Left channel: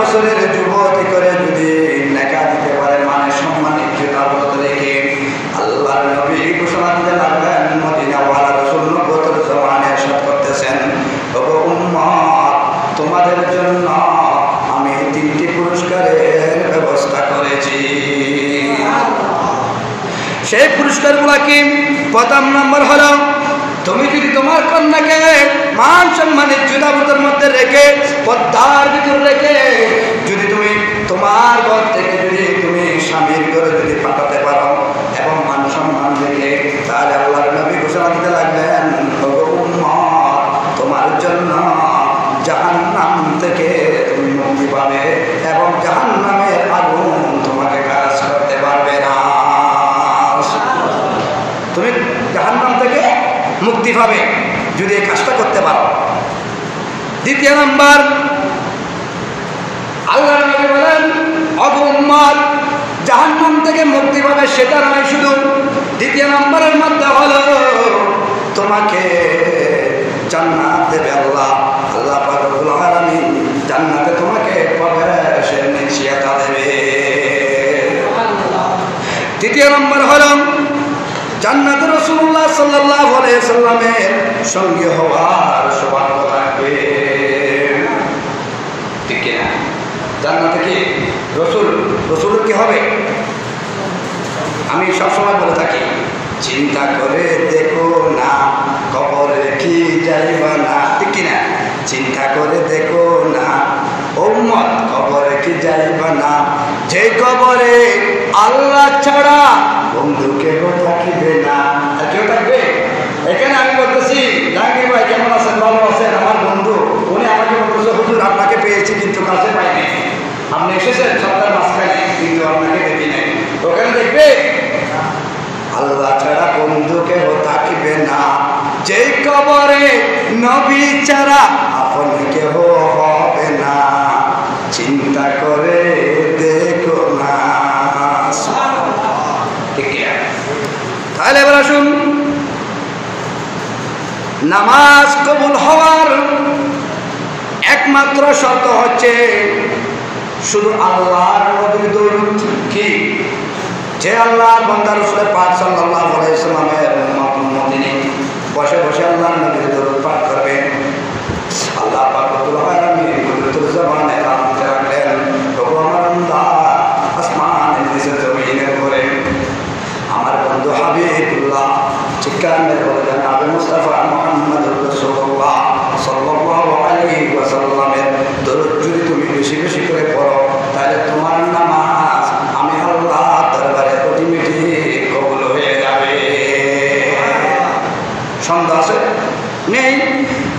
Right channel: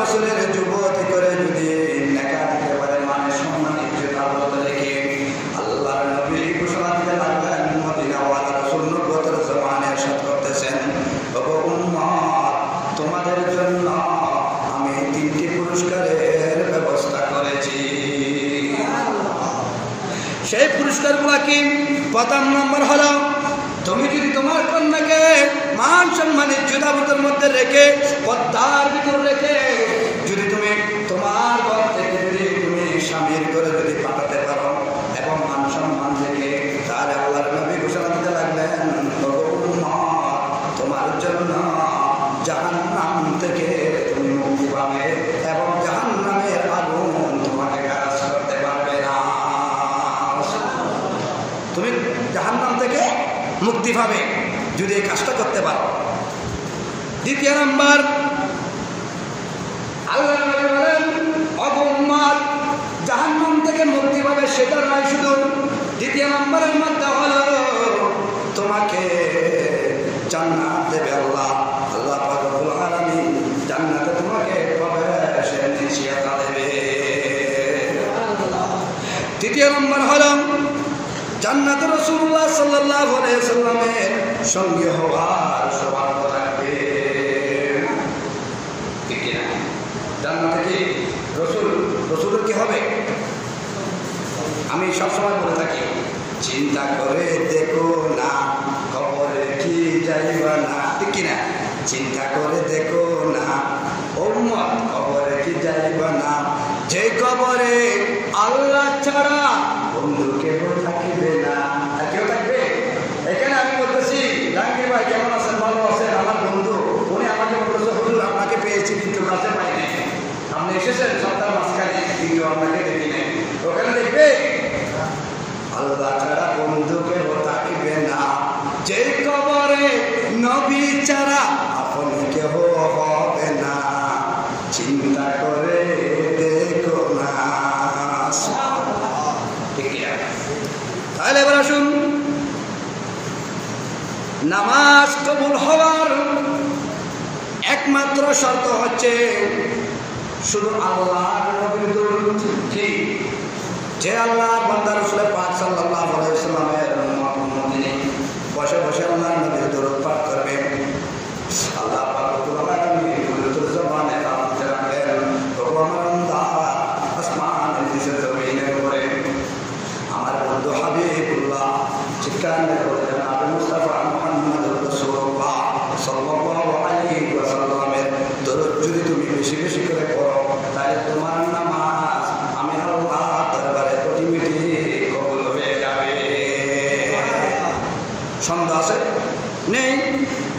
বছরের যুবতী করে যদি নেকা দিতে পারে, মানে সম্মানিত জুতাবত রেখে, আল্লাহর নবী ঘোষণা দিতে লাগলেন, মদিনাওয়ালা রাসূল নবুয়তের জমানায় ইরশাদ করতেছেন, ওগো উম্মত, তোমাদের জন্য আমি 3টি পুরস্কারের ব্যবস্থা করেছি। সেই পুরস্কারগুলো কি? প্রথম নম্বর হলো, তুমি যদি তোমার কন্যাকে মান সম্মানের জুতাবতের মধ্যে রেখে, পর্দার ভিতর রেখে, যদি তুমি তোমার ঘর থেকে যদি তুমি স্বামীর ঘরে যদি পাঠাতে পারো এবং মান সম্মান রেখে, তাহলে আল্লাহর নবী ঘোষণা দিতে লাগলেন, ওগো উম্মত, তোমার জন্য জাহান্নাম থেকে তুমি মুক্তি পাবে এবং জাহান্নামের আগুন তোমাকে গ্রাস করতে পারবে না। তুমি জাহান্নাম থেকে মুক্তি পাবে যদি এই কাজটা করতে পারো। দ্বিতীয় নম্বর, আল্লাহর নবী বলেন, ওগো উম্মত, জাহান্নাম থেকে মুক্তি পাবে সেটা নয় শুধু, দ্বিতীয় নম্বরের মধ্যে হলো তোমাকে জান্নাত দেবে আল্লাহ। আল্লাহ পাক রব্বুল আলামিন জান্নাতে তোমাকে প্রবেশের নিশ্চয়তা দেবে। তৃতীয় নম্বর হলো জান্নাতে রাসূলুল্লাহ সাল্লাল্লাহু আলাইহি ওয়াসাল্লামের সঙ্গে হওয়ার সৌভাগ্য থাকবে। ঠিক না? জান্নাতে কি রসুল কি হবে? আমি সবসময় বলে থাকি, চিন্তা করে দেখো না কবরে কি যাইবা না। ঠিক না? চিন্তা করে দেখো না উম্মত, কবরে কি যাইবা না, যে কবরে আল্লাহ ছাড়া বন্ধু কেউ থাকিবে না। কেউ থাকবে? এখানে আমি বলতেছি, জাহাঙ্গীর ভাই কেমন আছেন? ভালো আছেন? আমার বন্ধু উনি আমাকে বলতেছে, হুজুর আপনাকে পেয়েছি কিন্তু কাছে পাইনি। আপনি এসেছেন সপ্তাহের মাঝখানে কিন্তু আপনাকে দেখি নাই। ওখানে দেখবে আল্লাহ ছাড়া বন্ধু কেউ থাকিবে না, যে কবরে নবী ছাড়া আপন কেউ হবে না, চিন্তা করে দেখো না। তাহলে এবার আসুন, নামাজ কবুল হওয়ার একমাত্র শর্ত হচ্ছে শুধু আল্লাহর নবীর দরুদ। কি? যে আল্লাহর বান্দা রাসূল পাক সাল্লাল্লাহু আলাইহি ওয়াসাল্লামের মুমিন বসে বসে আল্লাহর নবীর দরুদ পাঠ করবে, আল্লাহ পাক রব্বুল আলামিন কুদরতুল জবানে কামতে রাখলেন, ওগো আমার বান্দা, আসমানের নিচে জমিনের উপরে আমার বন্ধু হাবিবুল্লাহ চিৎকারের বলে নবী মুস্তাফা মুহাম্মদুর রাসূলুল্লাহ সাল্লাল্লাহু আলাইহি ওয়াসাল্লামের দরুদ যদি তুমি বেশি বেশি করে পড়ো, তাহলে তোমার নামাজ আমি আল্লাহ দরবারে অটোমেটিক কবুল হয়ে যাবে। সন্দেহ আছে? নেই।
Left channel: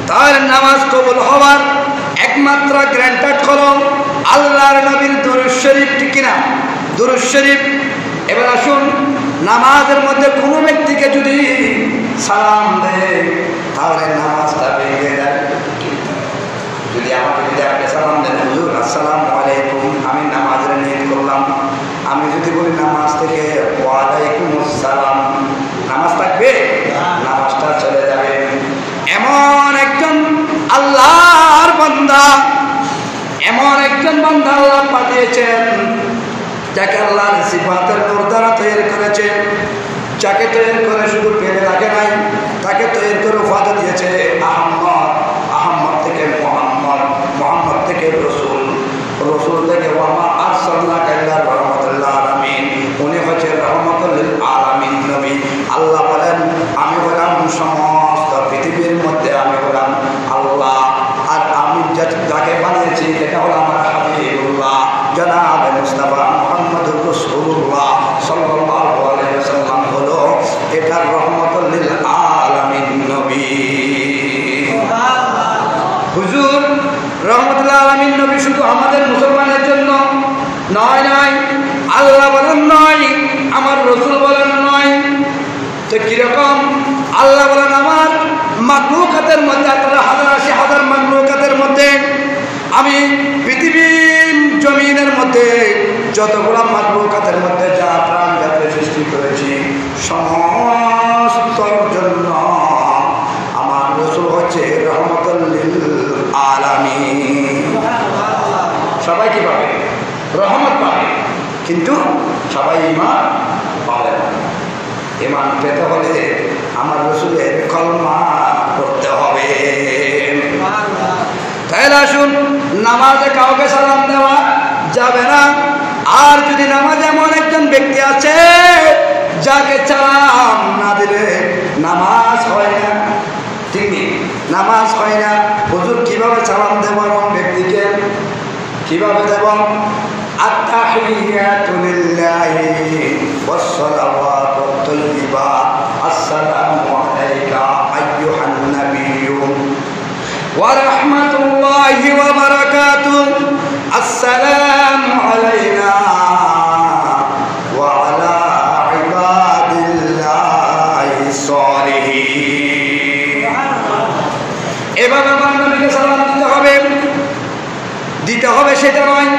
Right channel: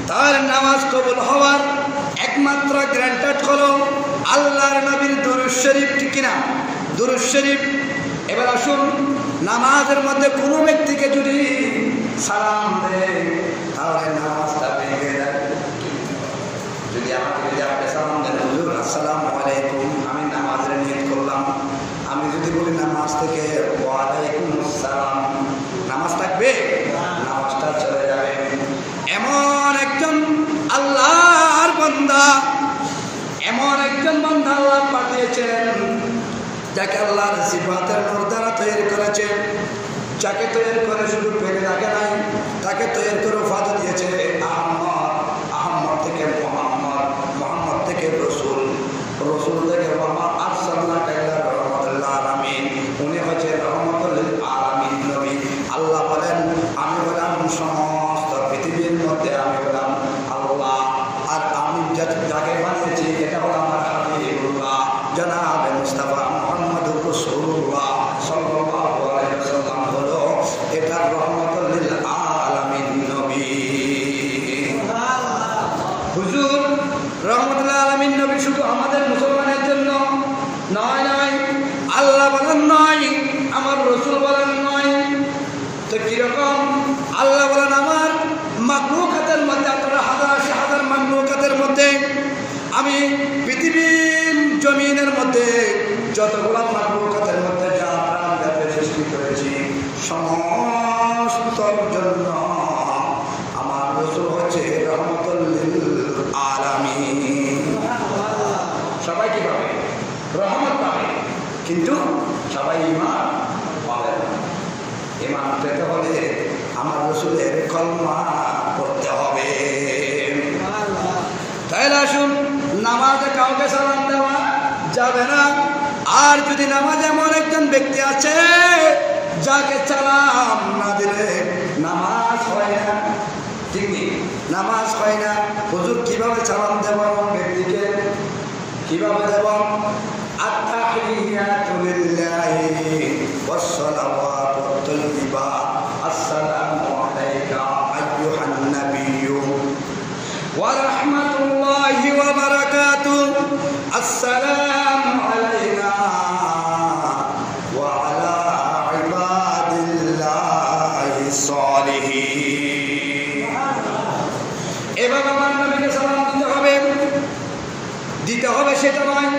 তার নামাজ কবুল হওয়ার একমাত্র গ্যারান্টেড হলো আল্লাহর নবীর দুরূদ শরীফ। ঠিক কিনা? দুরূদ শরীফ। এবার আসুন, নামাজের মধ্যে কোনো ব্যক্তিকে যদি সালাম দেয় তাহলে নামাজটা ভেঙে যায়। যদি আমাকে যদি আপনি সালাম দেন, হুজুর আসসালামু আলাইকুম, আমি নামাজের নিয়ত করলাম, আমি যদি বলি নামাজ থেকে ওয়ালাইকুম আসসালাম, নামাজ থাকবে? নামাজটা চলে যাবে। এমন একজন আল্লাহর বান্দা, এমন একজন বান্দা আল্লাহ পাঠিয়েছেন যাকে আল্লাহর সিফাতের নূর দ্বারা তৈরি করেছে, যাকে তৈরি করে শুধু পেরে রাখে নাই, তাকে তৈরি করে উপাধি দিয়েছে আহম্মদ, আহম্মদ থেকে মুহাম্মদ, মুহাম্মদ থেকে রসুল, রসুল থেকে ওয়ামা আরসালনাকা ইল্লা রাহমাতাল লিল আলামিন, উনি হচ্ছে রাহমাতুল লিল আলামিন নবী। আল্লাহ বলেন, আমি হলাম সমস্ত পৃথিবীর মধ্যে আমি হলাম আল্লাহ, আর আমি যাকে বানিয়েছি এটা হলো আমার হাবিবুল্লাহ জনাব মুস্তাফা মুহাম্মদুর রাসূলুল্লাহ সাল্লাল্লাহু আলাইহি ওয়াসাল্লাম হলো এটা রাহমাতুল লিল আলামিন নবী। হুজুর, রাহমাতুল লিল আলামিন নবী শুধু আমাদের মুসলমানের জন্য নয়, নয়, আল্লাহ বলেন নয়, আমার রাসূল বলেন নয়। তো কিরকম? আল্লাহ বলেন আমার মাখলুকাতের মধ্যে, 18,000 মাখলুকাতের মধ্যে আমি পৃথিবীর জমিনের মধ্যে যতগুলো মাখলুকাতের মধ্যে যা প্রাণ জাতি সৃষ্টি করেছি সমস্তর জন্য আমার রাসূল হচ্ছে রাহমাতুল লিল আলামিন। সবাই কি পাবে? রহমত পাবে, কিন্তু সবাই ঈমান পাবে না। ঈমান পেতে হলে আমার রাসূলের কলমা পড়তে হবে। তাহলে আসুন, নামাজে কাউকে সালাম দেওয়া যাবে না। আর যদি নামাজে এমন একজন ব্যক্তি আছে যাকে সালাম না দিলে নামাজ হয় না, তিনি নামাজ হয় না। হুজুর কিভাবে সালাম দেব এমন ব্যক্তিকে? কিভাবে দেব? আত-তাহিয়াতু লিল্লাহি ওয়াস-সালাওয়াতু আত-তাইয়্যিবা, আসসালামু আলাইকা আইয়ুহান নাবিয়্যু ওয়া রাহমাতুল্লাহি ওয়া বারাকাতুহু, আসসালামু আলাইনা ওয়া আলা ইবাদিল্লাহিস সালিহিন। এবার আমার নবীকে সালাম দিতে হবে সেটা নয়।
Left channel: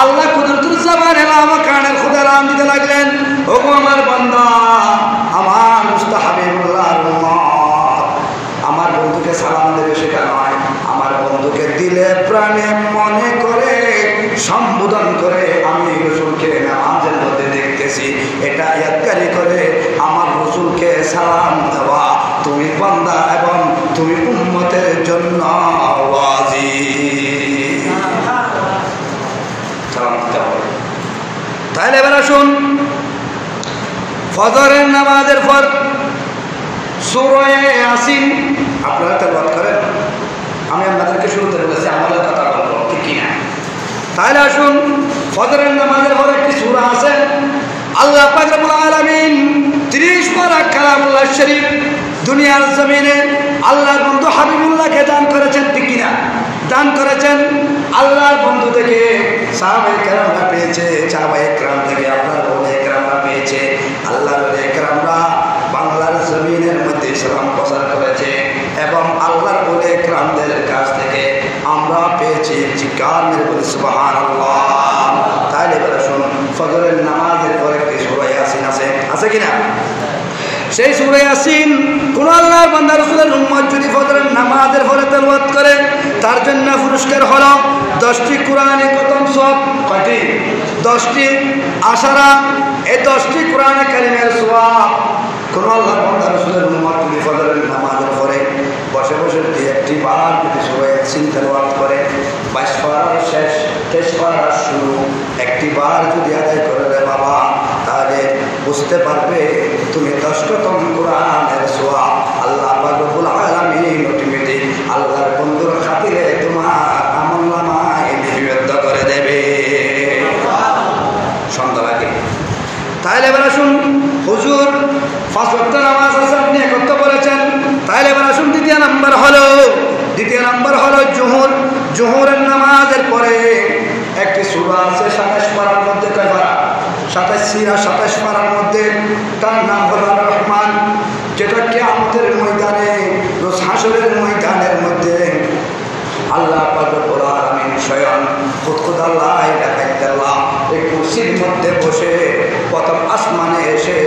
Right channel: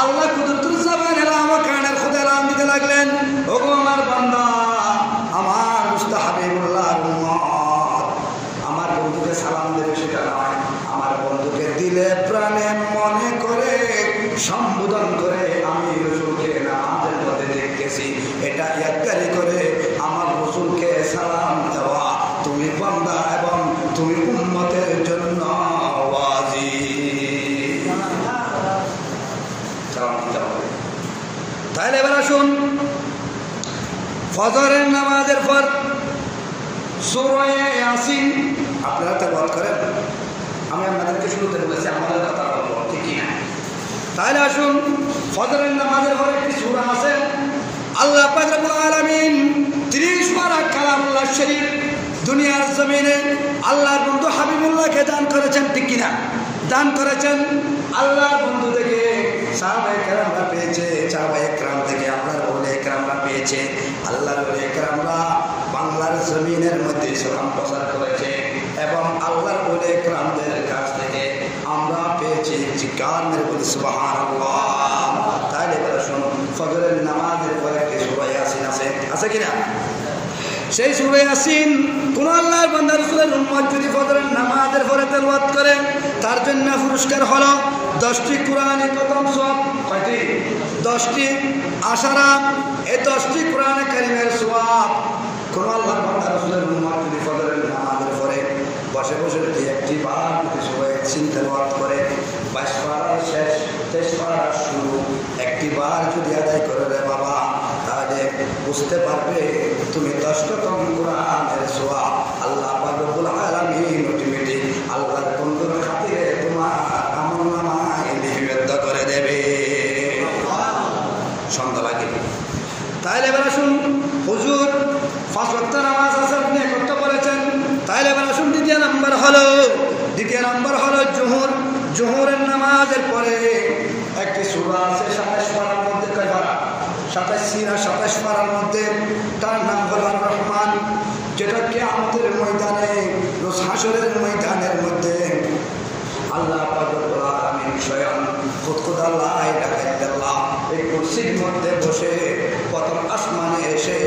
আল্লাহ কুদরতুজ্জামান আমার কানের খোদা নাম দিতে লাগলেন, ওগো আমার বান্দা, আমার মুস্তাহাবিবুল্লাহর উম্মত, আমার বন্ধুকে সালাম দেবে সেটা নয়। আমার বন্ধুকে দিলে প্রাণে মনে করে সম্বোধন করে আমি রাসূলকে নামাজের মধ্যে দেখতেছি, এটা ইয়াদগারি করে আমার রাসূলকে সালাম দেওয়া তুমি বান্দা এবং তুমি উম্মতের জন্য ওয়াজিব। তাহলে এবার আসুন, ফজরের নামাজের পর সূরা ইয়াসিন আপনারা তেলাওয়াত করেন। আমি আপনাদেরকে শুরুতে বলেছি আমাদের কথা বলবো ঠিক কিনা। তাহলে আসুন, ফজরের নামাজের পর একটি সূরা আছে, আল্লাহ পাক রব্বুল আলামিন 30 পারা কালামুল্লাহ শরীফ দুনিয়ার জমিনে আল্লাহর বন্ধু হাবিবুল্লাহকে দান করেছেন ঠিক কিনা? দান করেছেন। আল্লাহর বন্ধু থেকে সাহাবায়ে কেরামরা পেয়েছে, সাহাবায়ে কেরাম থেকে আপনার ওলামায়ে কেরামরা পেয়েছে। আল্লাহর ওলামায়ে কেরামরা বাংলার জমিনের মধ্যে ইসলাম প্রচার করেছে এবং আল্লাহর ওলামায়ে কেরামদের কাছ থেকে আমরা পেয়েছি। জিকার মেরে বলি সুবহানাল্লাহ। তাহলে এবার শুনুন, ফজরের নামাজের পরে একটি সূরা ইয়াসিন আছে কিনা? সেই সূরা ইয়াসিন কোন আল্লাহর বান্দা রাসূলের উম্মত যদি ফজরের নামাজের পরে তেলাওয়াত করে তার জন্য পুরস্কার হলো 10টি কোরআনে খতম সওয়াব। কয়টি? 10টি আশারা। এই 10টি কোরআনে কারিমের সওয়াব কোন আল্লাহর বান্দা রাসূলের উম্মত যদি ফজরের নামাজের পরে বসে বসে একটি বার যদি সূরা ইয়াসিন তেলাওয়াত করে, 22 পারার শেষ 23 পারার শুরু একটি বার যদি আদায় করে রে বাবা, তাহলে বুঝতে পারবে তুমি 10তম কোরআনের সওয়াব আল্লাহ পাক রব্বুল আলামিন অটোমেটিক আল্লাহর বন্ধুর খাতিরে তোমার আমলনামায় লিপিবদ্ধ করে দেবে সন্ধ্যা লাগে। তাহলে এবার আসুন, হুজুর 5 ওয়াক্ত নামাজ আছে আপনি একত্র বলেছেন। তাহলে এবার আসুন, দ্বিতীয় নাম্বার হলো জোহর। জোহরের নামাজের পরে একটি সূরা আছে 27 পারার মধ্যে। কয় পারা? 27 পারার মধ্যে। তার নাম হলো রহমান, যেটা কিয়ামতের ময়দানে, রোজ হাশরের ময়দানের মধ্যে আল্লাহ পাক রব্বুল আলামিন স্বয়ং খুদ আল্লাহ এই কুরসির মধ্যে বসে প্রথম আসমানে এসে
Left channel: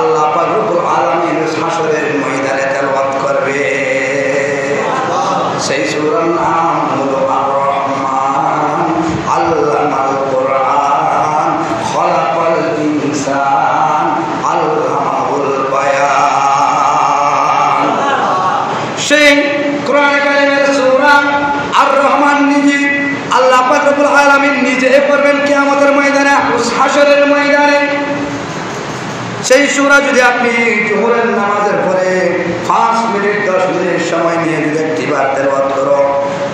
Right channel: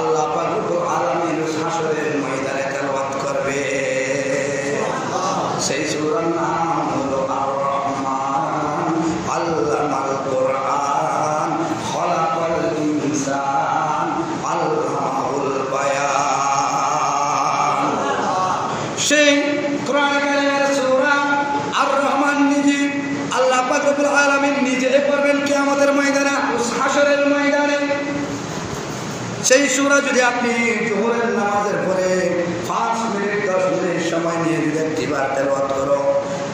আল্লাহ পাক রব্বুল আলামিন হাশরের ময়দানে তেলাওয়াত করবে। সেই সূরার নাম হলো আর-রহমান, আল্লামাল কুরআন, খলাকাল ইনসান, আল্লামাহুল বায়ান। সেই কোরআনে কারিমের সূরা আর-রহমান নিজে আল্লাহ পাক রব্বুল আলামিন নিজে করবেন কিয়ামতের ময়দানে, হাশরের ময়দানে। সেই সূরা যদি আপনি জোহরের নামাজের পরে 5 মিনিট 10 মিনিট সময় নিয়ে যদি একটিবার তেলাওয়াত করো,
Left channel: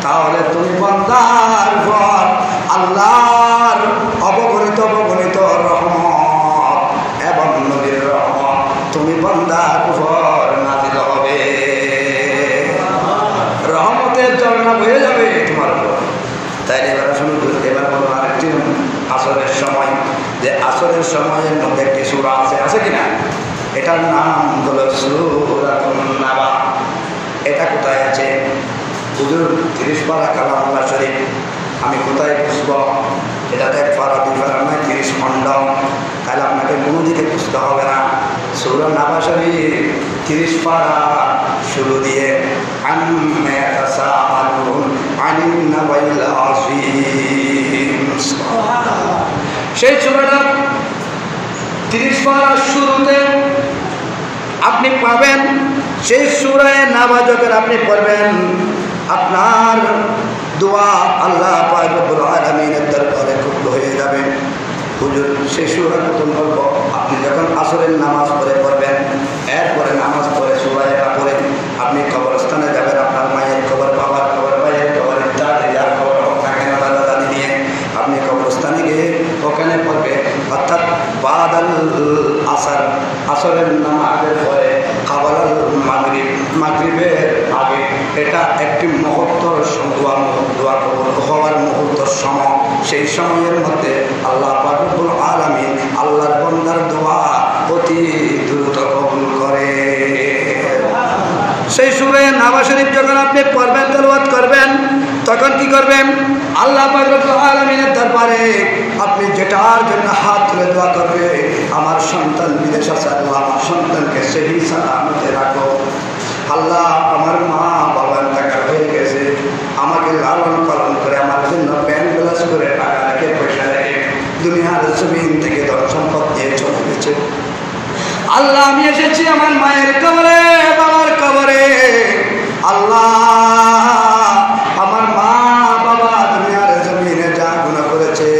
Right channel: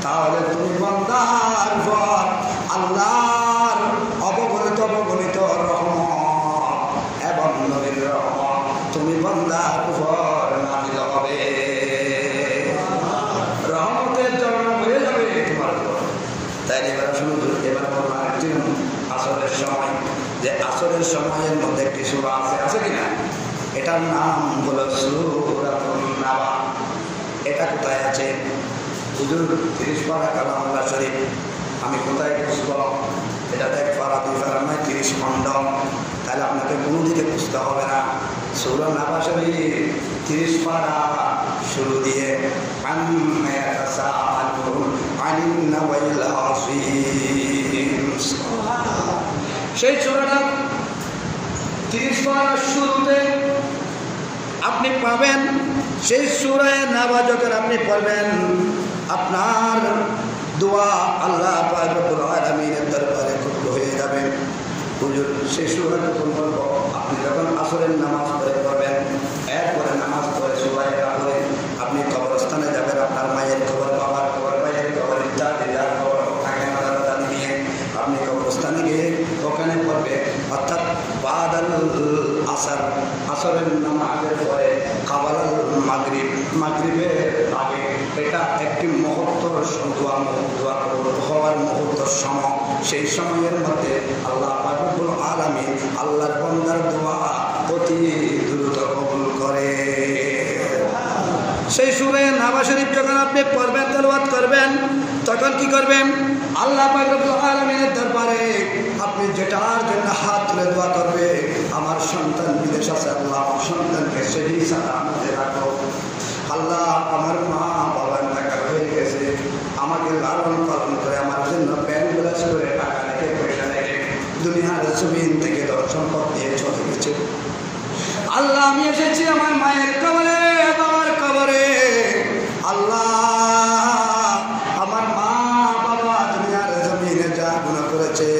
তাহলে তুমি বান্দার পর আল্লাহর অবগণিত রহমত এবং নবীর রহমত তুমি বান্দার উপর নাযিল হবে। রহমতের ঝর্ণা বয়ে যাবে তোমার উপর। তাইলে এবার শুরু করতে এবার বলবো আরেকটি আসরের সময়, যে আসরের সময়ের মধ্যে একটি সূরা আছে কিনা? এটার নাম হলো সূরাতুন নাবা। এটা কোথায় আছে? হুজুর 30 পারা কালামুল্লাহ শরীফ। আমি কোথায় বুঝব? এটা 1 পারা 2 পারা নয়, 30 খণ্ড। তাহলে আপনাকে কোনো দিকে বুঝতে হবে না। সূরা নাবা শরীফ 30 পারা শুরু দিয়ে আন্না ইয়াতাসাআলুন আনিন নাবাইল আযীম। সেই সূরাটা 30 পারার শুরুতে আপনি পাবেন। সেই সূরায় নামাজ যখন আপনি পড়বেন, আপনার দোয়া আল্লাহ পাক রব্বুল আলামিনের দরবারে কবুল হয়ে যাবে। হুজুর সেই সূরা প্রথম পড়ব, আপনি যখন আসরের নামাজ পড়বেন, এরপরে নামাজ পড়ে সূরা পড়ে আপনি কবরস্থানে যাবেন। আপনার মায়ের কবর, বাবার কবর, ভাইয়ের কবর, দাদির কবর, দাদি দিয়ে আপনি কবরস্থানে গিয়ে ওখানে পড়বে। অর্থাৎ বাদাল আসর, আসরের নামাজের পরে কাবাল মাগরিব, মাগরিবের আগে, এটা একটি মুহূর্তর দোয়া হওয়ার মুহূর্তর সময়। সেই সময়ের মধ্যে আল্লাহ পাক রব্বুল আলামিন আল্লাহর বান্দার দোয়া অতি দ্রুত কবুল করে। সেই সূরা নামাজ শরীফ যখন আপনি পড়বেন, তেলাওয়াত করবেন, তখন কি করবেন? আল্লাহ পাক রব্বুল আলামিনের দরবারে আপনি যেটার জন্য হাত তুলে দোয়া করবে, আমার সন্তান বিদেশ আছে, আল্লাহ আমার সন্তানকে সহি সালামতে রাখো। আল্লাহ আমার মা বাবার টাকা হয়ে গেছে, আমাকে লালন পালন করে আমার জন্য ব্যাংক ব্যালেন্স করে টাকা রেখে পয়সা রেখে দুনিয়ার জমিন থেকে ধন সম্পদ দিয়ে চলে গেছে। আল্লাহ আমি এসেছি আমার মায়ের কবরে, বাবার কবরে। আল্লাহ আমার মা বাবা দুনিয়ার জমিনে যা গুনাহ করেছে,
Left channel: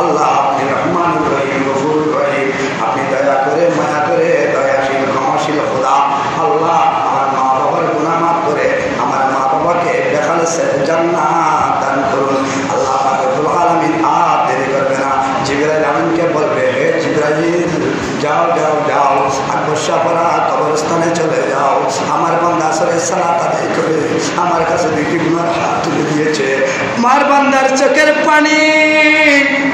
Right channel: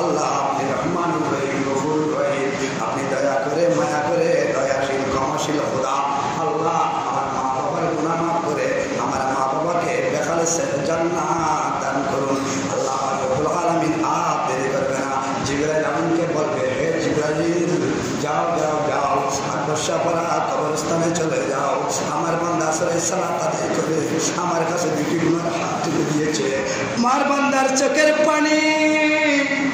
আল্লাহ আপনি রহমান রহিম, গফুর রহিম, আপনি দয়া করে মায়া করে দয়াশীল ক্ষমাশীল খোদা। আল্লাহ আমার মা বাবার গুনাহ মাফ করে আমার মা বাবাকে বেখালেসে জান্নাত দান করুন। আল্লাহ পাক রব্বুল আলামিন আর দেরি করবে না, জিবরাইল আমিনকে বলবে, হে জিবরাইল যাও যাও যাও, আকবরশাহপাড়া কবরস্থানে চলে যাও, আমার বান্দা আসরের সালাত আদায় করে আমার কাছে দেখি গুনার হাত তুলে দিয়েছে। আমার বান্দার চোখের পানি,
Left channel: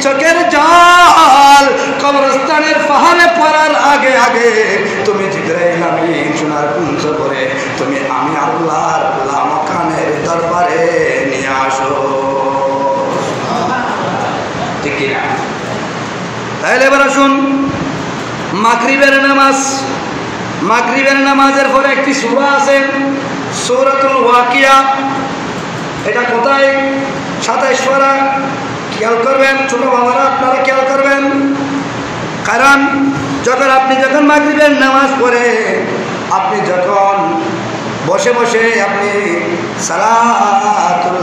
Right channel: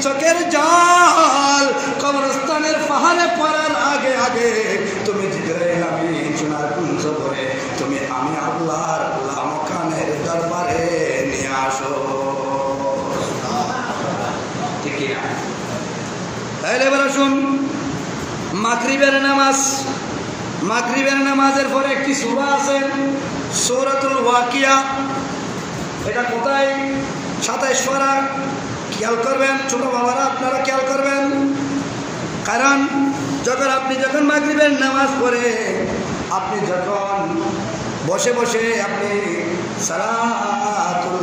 চোখের জল কবরস্থানের পাহাড়ে পড়ার আগে আগে তুমি জিবরাইল আমিন সোনার কুঞ্জ করে তুমি আমি আল্লাহর মাকানের দরবারে নিয়ে আসো। ঠিক কিনা? তাহলে এবার আসুন, মাগরিবের নামাজ, মাগরিবের নামাজের পরে একটি সূরা আছে, সূরাতুল ওয়াকিয়া। এটা কোথায়? 27 পারা। খেয়াল করবেন ছোট বাবারা, আপনারা খেয়াল করবেন, কারণ যখন মাগরিবের নামাজ পড়ে আপনি যখন বসে বসে আপনি সালাতুল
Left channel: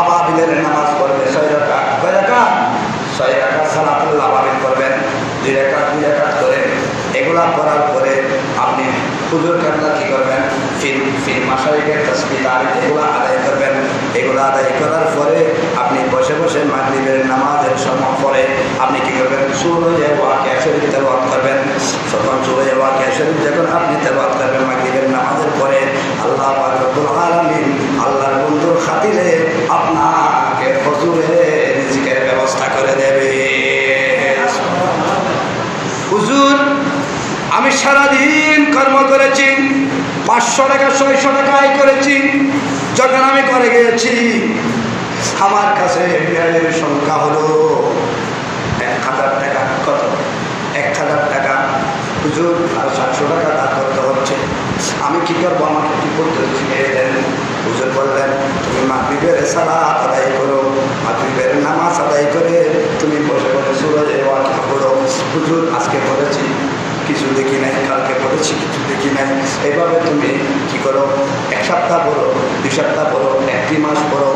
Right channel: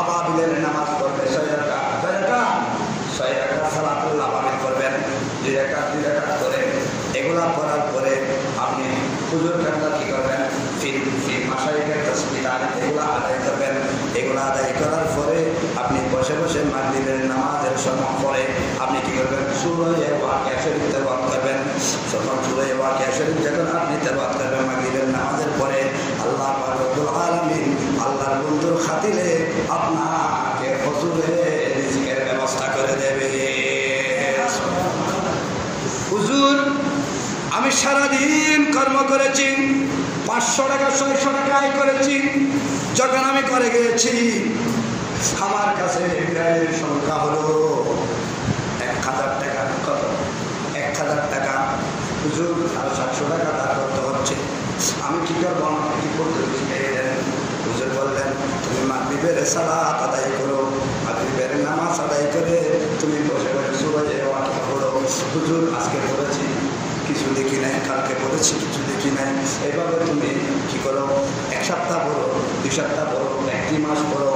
আবাবিলের নামাজ পড়বেন, 6 রাকাত, কয় রাকাত? 6 রাকাত সালাতুল আবাবিল করবেন, 2 রাকাত 2 রাকাত করে। এগুলা করার পরে আপনি হুজুর কান্না কি করবেন? ফির মাশারিকের তাসবিহ এগুলো আদায় করবেন। এগুলো আদায় করার পরে আপনি বসে বসে মাগরিবের নামাজের সময় পরে আপনি কি করবেন? সূরা ওয়াকিয়া শরীফ তেলাওয়াত করবেন। তখন সূরা ওয়াকিয়া শরীফ যখন আপনি তেলাওয়াত করবেন মাগরিবের নামাজের পরে, আল্লাহ পাক রব্বুল আলামিন আল্লাহর বন্ধুর খাতিরে আপনাকে হুজুরের রিজিকের ব্যবস্থা করে দেবে। হুজুর আমি সারাদিন কর্ম করেছি, 500 টাকা 600 টাকা আয় করেছি, যখন আমি করে গিয়েছি আমার কাছে বিড়ালের সংখ্যা হলো 1000 টাকা। কত? 1000 টাকা। হুজুর আর 700 টাকা দান করতে হচ্ছে, আমি কি করবো? আমাকে কি করতে হচ্ছে? হুজুর বললেন, তুমি মাগরিবের সালাত আদায় করো, মাগরিবের নামাজ আদায় করে তুমি বসে বসে সূরা ওয়াকিয়া পড়ো। হুজুর আজকে পড়েছি, কিছু দেখি নাই, কালকে পড়েছি, কিছু দেখি নাই। এভাবে তুমি কি করো? 1 সপ্তাহ পড়ো, 2 সপ্তাহ পড়ো, 1 মাস পড়ো।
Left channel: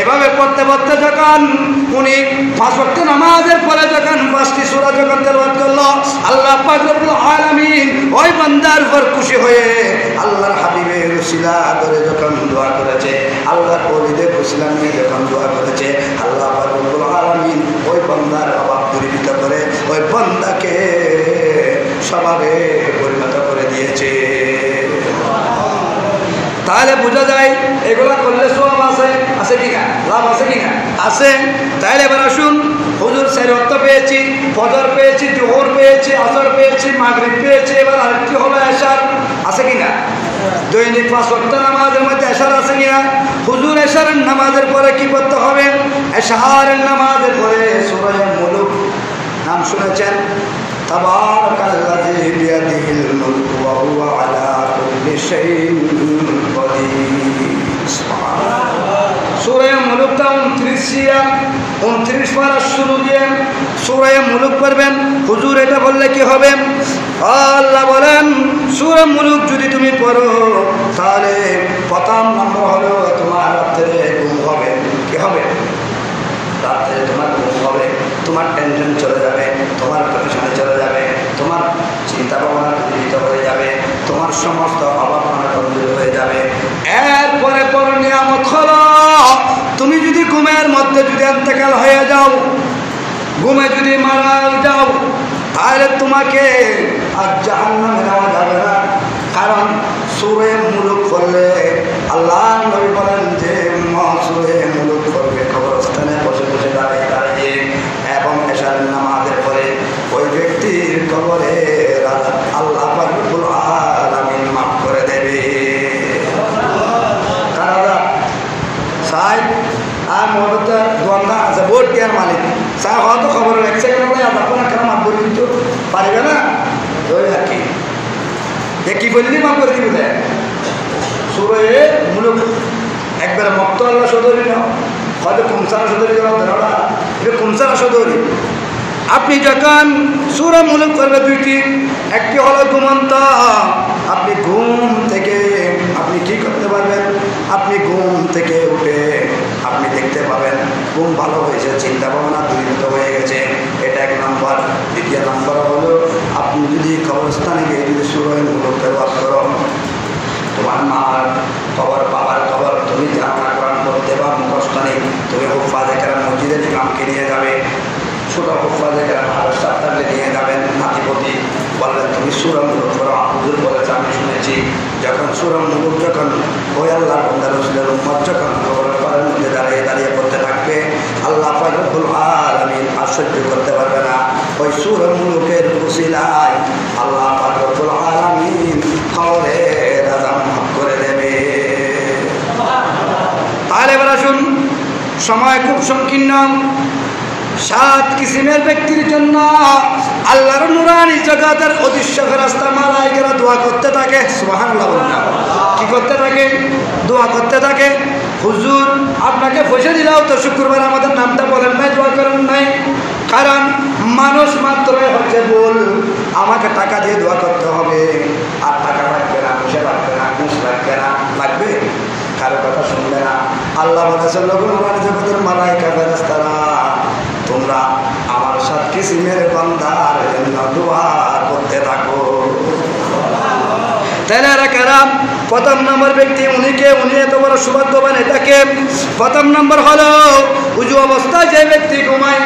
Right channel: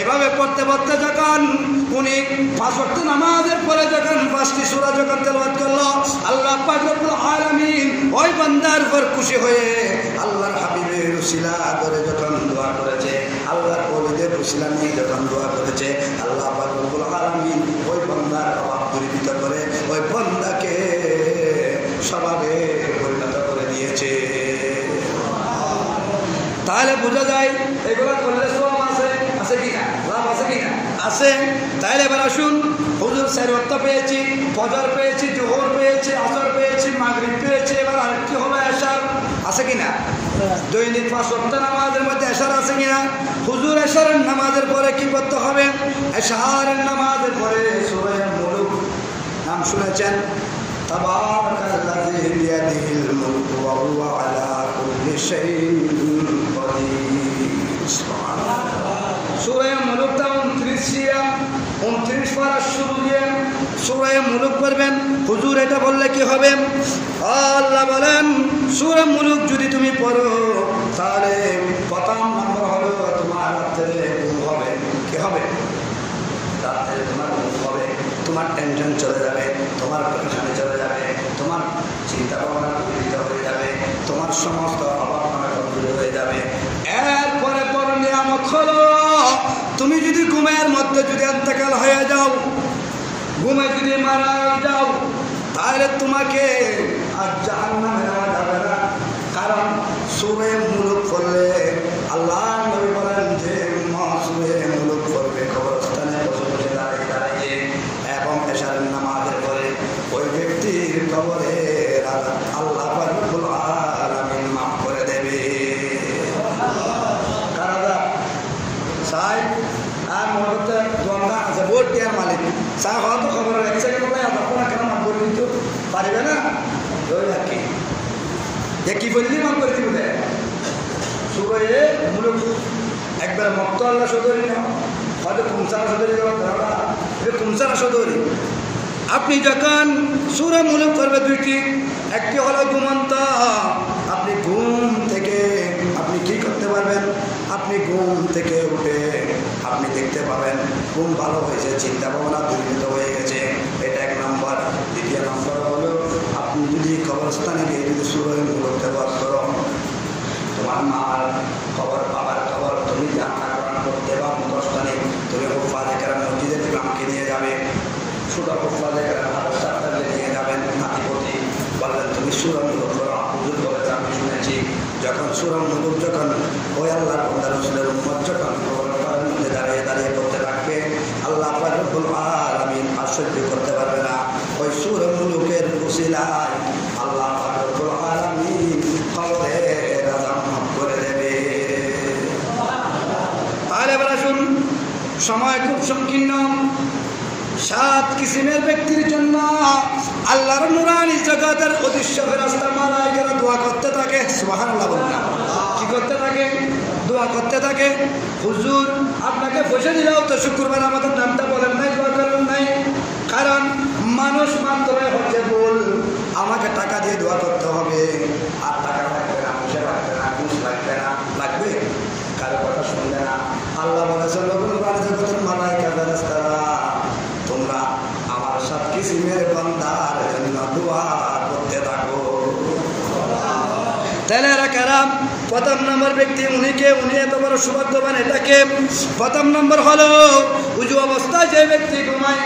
এভাবে পড়তে পড়তে যখন উনি 5 ওয়াক্ত নামাজের পরে যখন 5টি সূরা যখন তেলাওয়াত করলো, আল্লাহ পাক রব্বুল আলামিন ওই বান্দার উপর খুশি হয়ে আল্লাহর হাবিবের উসিলা ধরে যখন দোয়া করেছে, আল্লাহর ওলিদের উসিলা নিয়ে যখন দোয়া করেছে, আল্লাহ পাক রব্বুল আলামিন ওই বান্দার অভাব পূরণ করে ওই বান্দাকে স্বভাবে পরিণত করে দিয়েছে। তাহলে বোঝা যায় এগুলা করলে সওয়াব আছে, আছে কিনা? লাভ আছে কিনা? আছে। তাহলে এবার আসুন, হুজুর 4 ওয়াক্ত পেয়েছি, ফজর পেয়েছি, জোহর পেয়েছি, আসর পেয়েছি, মাগরিব পেয়েছি, এবার আরেকটি হলো এশার, আছে কিনা? দৈনিক 5 ওয়াক্ত নামাজের মধ্যে এশার আছে কিনা? হুজুর এশারের নামাজের পরে কি করতে হবে? এশারের নামাজের পরে সূরা মুলুক নাম শুনেছেন? তাবারাকাল্লাযী বিয়াদিহিল মুলকু ওয়া হুয়া আলা কুল্লি শাইইন কাদির। সূরা মুলুকটা 29 পারা শুরু দিয়ে সূরা মুলুক পড়বেন। হুজুর এটা বললে কি হবে? আল্লাহ বলেন সূরা মুলুক যদি তুমি পড়ো তাহলে প্রথম নম্বর হলো তোমার রাত্রে ঘুম হবে। কি হবে? রাত্রে তোমার ঘুম হবে, তোমার টেনশন চলে যাবে, তোমার পরেশানি চলে যাবে, তোমার চিন্তা ভাবনা দূরীভূত হয়ে যাবে, তোমার সমস্ত অভাব দূর হয়ে যাবে। এরপরে বড় নিয়ামত হলো তুমি যদি ঘুমের মধ্যে যদি ইন্তেকাল হয়ে যাও, ঘুমে যদি মারা যাও, তাহলে তোমাকে আর জাহান্নামে নেওয়া যাবে না। কারণ সূরা মুলুক পড়লে আল্লাহ নবী বলেন যে সূরা মুলুক পড়বে কবরস্থানে বসে বসে দাঁড়িয়ে দাঁড়িয়ে এবং এশার নামাজের পরে ওই ব্যক্তির কবরে আল্লাহ রব্বুল আলামিন মাফ করে দেবে। কারণ সাই আর মরতে দোয়া আছে ভোট কেয়ার মালিক স্যার হয়তো খবর এক সেকেন্ড হলে আপনার কেন মাফ করে দিতে পারবে না? ওই আর কি কি বললি মাফ করে দিবে। সূরা মুলুক একবার মক্ত আল্লাহ সদরি নাও, হয়তো কুমসারা সদরি নাও, ধরা এটা কুমসারা সদরি। আপনি যখন সূরা মুলুক করবে দুইটি, একটি হলো ঘুমন্ত। আপনি ঘুম থেকে আপনি কি করতে পারবেন? আপনি ঘুম থেকে উঠে আপনি দেখতে পাবেন ঘুম ভালো হয়েছে, চিন্তা ভাবনা দূরীভূত হয়ে গেছে। এটা এক নম্বর। দ্বিতীয় নম্বর হলো আপনি যদি কবরস্থানে গিয়ে যদি সূরা মুলুক তেলাওয়াত করো, তোমার মার খবর, বাবার খবর তুমি ধারণা করার মধ্যে বা মুখস্থ নেই, তুমি হুফাজে কেরাম মসজিদের ইমামকে নিয়ে যাবে, ছোট হুফাজে কেরাম ভালো সাথে নিয়ে যাবেন, নাতিপতি বললেন তুমি সূরা মুলুক করো। হুজুর বলেছে আমি শুনেছি যখন সূরা মুলুক যখন ওই আল্লাহ বান্দা রাসূলের উম্মত যখন কবরের মধ্যে দাঁড়িয়ে দাঁড়িয়ে পড়তে থাকবে, আল্লাহ রব্বুল আলামিন আশ্চর্য করতে পারবে না। ওই সূরা মুলুকের উসিলায় আল্লাহ রব্বুল আলামিন খবরের আযাব মাফ করে দেবে। তাহলে এবার আসুন, সময় খুব সংকীর্ণ। 7 কিসিমের ব্যক্তির জন্য আল্লাহর নুরানি জগতের অদৃশ্য ফেরেশতা মালায়েকারা দোয়া করতে থাকে। সুবহানাল্লাহ বলুন। কি করতে থাকে? দোয়া করতে থাকে। হুজুর আপনাকে পয়সা দিলেও তো শুক্রবার আমাদের নামটা বলেন নাই, দোয়া করেন নাই। কারণ মানুষ মাত্রই হচ্ছে বল, আমাকে টাকা দিয়ে দোয়া করতে হবে, আর টাকা লাগবে না, পয়সা লাগবে না, ঘুষ লাগবে না, লাগবে কারো কথা শুনবে না। আল্লাহ বলেছেন নুরানি জগতের মালায়েকা ফেরেশতারা তোমরা আমার 7 কিসিমের বান্দার জন্য দোয়া করতে থাকো। তেনারা কারাম প্রথম নম্বর ব্যক্তি উনি এত বড় সৌভাগ্যবান। এটাকে প্রথম নম্বর হলো উজু অবস্থায় যে ব্যক্তি ঘুমায়।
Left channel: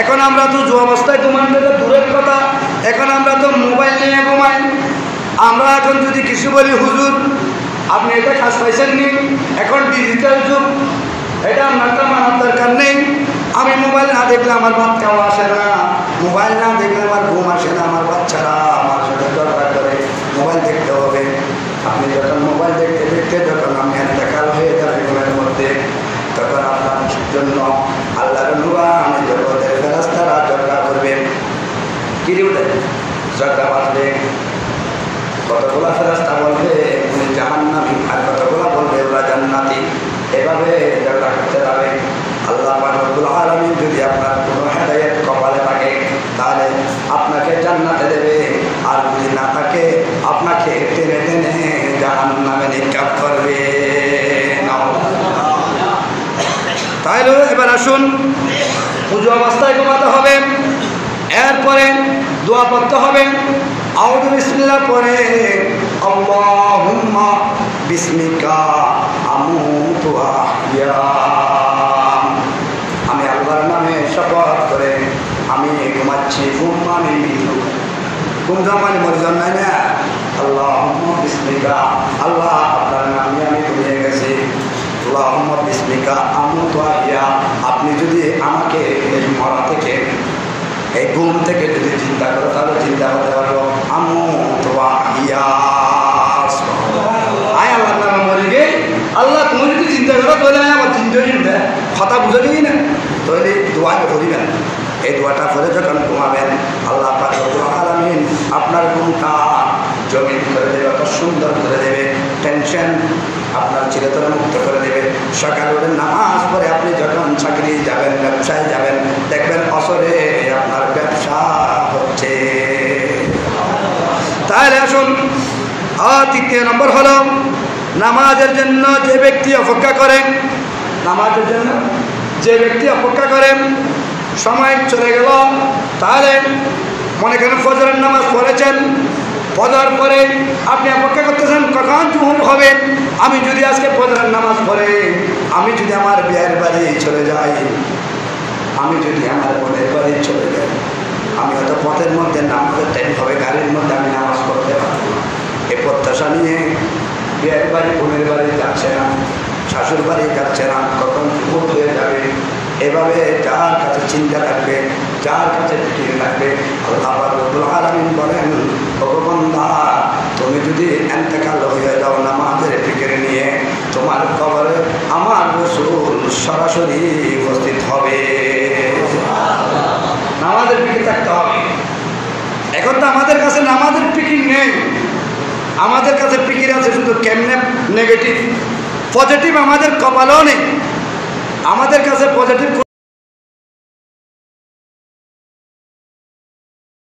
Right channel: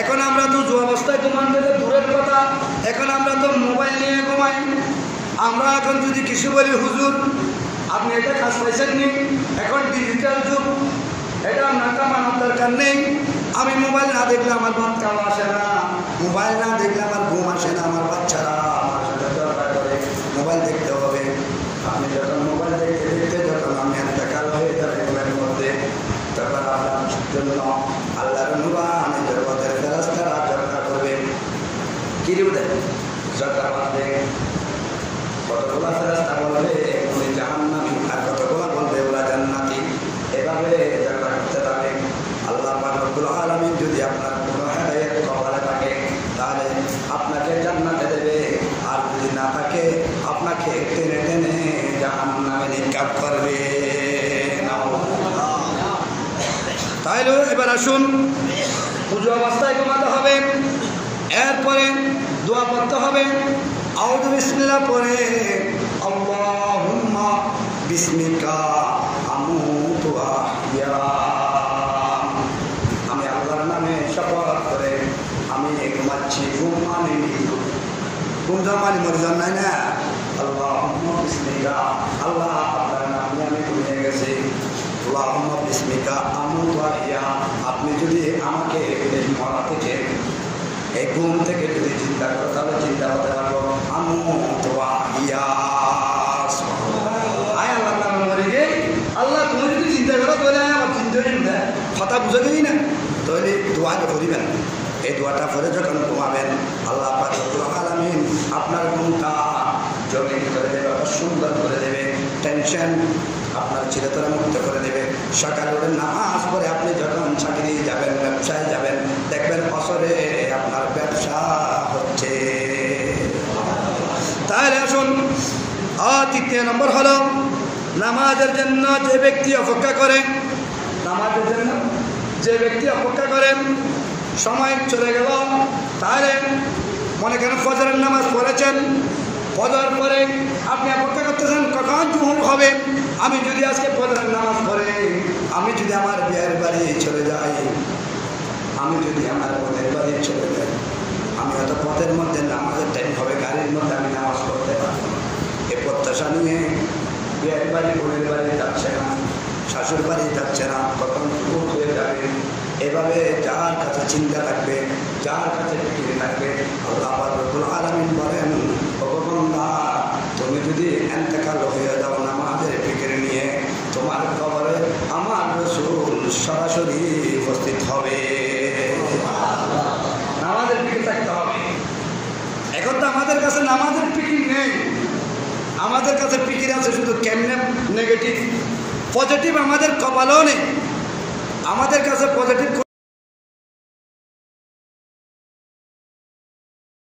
এখন আমরা তো উজু অবস্থায় ঘুমানো এটা দূরের কথা, এখন আমরা তো মোবাইল নিয়ে ঘুমাই। আমরা এখন যদি কিছু বলি হুজুর আপনি এটা কাজ পাইছেন নি, এখন ডিজিটাল যুগ, এটা আপনারটা মানার দরকার নেই। আমি মোবাইল না দেখলে আমার ভাত খাওয়া আসে না, মোবাইল না দেখলে আমার ঘুম আসে না, আমার বাচ্চারা আমার সাথে দরকার করে মোবাইল দেখতে হবে। আপনি যখন মোবাইল দেখতে দেখতে যখন আমি দেখার হয়ে যাবে ঘুমের মধ্যে, তখন আপনার জন্য আল্লাহর নুরানি জগতের ফেরেশতারা দরকার করবে। কি বলে ঝগড়া বাঁধবে, কতগুলা ফেরেশতা বলবে উনি জাহান্নামী, আর কতগুলা বলবে ওরা জান্নাতি। এভাবে ঝগড়া করতে যাবে। আল্লাহ রব্বুল আলামিন যদি আপনার কোনো হেদায়েত কপালে থাকে তাহলে আপনাকে জান্নাতে দেবে, আর যদি না থাকে আপনাকে টেনে টেনে জাহান্নামে নিক্ষেপ করবে। তাহলে এবার আসুন, উজু অবস্থায় ঘুমাতে হবে, এরপরে দোয়া পড়তে হবে। আউযু বিসমিল্লাহ পরে আল্লাহুম্মা বিসমিকা আমুতু ওয়া আহইয়া। আমি আল্লাহর নামে শপথ করে আমি ঘুমাচ্ছি, ঘুম আমি মৃত্যু, ঘুম মানে মরে যান নাই না। আল্লাহুম্মা বিসমিকা, আল্লাহ আপনার নামে আমি ঘুমিয়ে গেছি। আল্লাহুম্মা বিসমিকা আমুতু ওয়া আহইয়া। আপনি যদি আমাকে মরা থেকে এই ঘুম থেকে যদি চিন্তা করো তাহলে চিন্তা করতে পারবো আমুতু ওয়া আহইয়া। আয় আল্লাহর নামে মরে গে, আল্লাহ তুমি যদি চিন্তা করো তাহলে আমার চিন্তা নেই, কথা বুঝে দিই না, তাহলে দোয়াটা করিবেন। এই দোয়াটা পরে যখন ঘুমাবেন আল্লাহ পাক রব্বুল আলামিন আপনার ঘুমটা জমিন করে দেবে, অত সুন্দর করে দেবে, টেনশন আপনার চিরতরে মুক্ত করে দেবে। সকালে উঠে নামাজ পড়ে আপনি যখন চাকরি যাবেন, ব্যবসায় যাবেন, দেখবেন আসরে তৃতীয় নম্বর হলো নামাজের জন্য যে ব্যক্তি অপেক্ষা করেন, নামাজের জন্য যে ব্যক্তি অপেক্ষা করেন, সময় চলে গেল, তাহলে মনে করেন ফজরের নামাজ পড়েছেন, পড়ার পরে আপনি অপেক্ষা করতেছেন কখন জোহর হবে। আমি যদি আজকে ফজরের নামাজ পড়ে আমি যদি আমার বিয়ের বাড়ি চলে যাই, আমি যদি আমার বোনের বাড়ি চলে যাই, আমি হয়তো পথের মধ্যে নামাজের টাইম হবে, গাড়ির মধ্যে আমি নামাজ পড়তে পারবো না। এই প্রত্যাশা নিয়ে বিয়ের বাড়ি বোনের বাড়ি যাচ্ছে না, শাশুর বাড়ি যাচ্ছে না, কখন জোহর হয়ে যাবে, এভাবে যার কাছে চিন্তা থাকবে, যার কাছে ফিকির থাকবে, আল্লাহ রাব্বুল আলামিন বলেন, ভগবানদা তুমি যদি ইন্তেকাল হয়ে যাও নামাজের ফিকির নিয়ে, তোমার কবরে আমার রাসূল সরাসরি উপস্থিত হবে। নামাজের ফিকির থাকতে হবে। এখন তো আমাদের কাছে নামাজের ফিকির নেই, আমাদের কাছে ফিকির আছে শুধু কেমনে নেগেটিভ, পজিটিভ আমাদের কপালও নেই। আমাদের কাছে পজিটিভ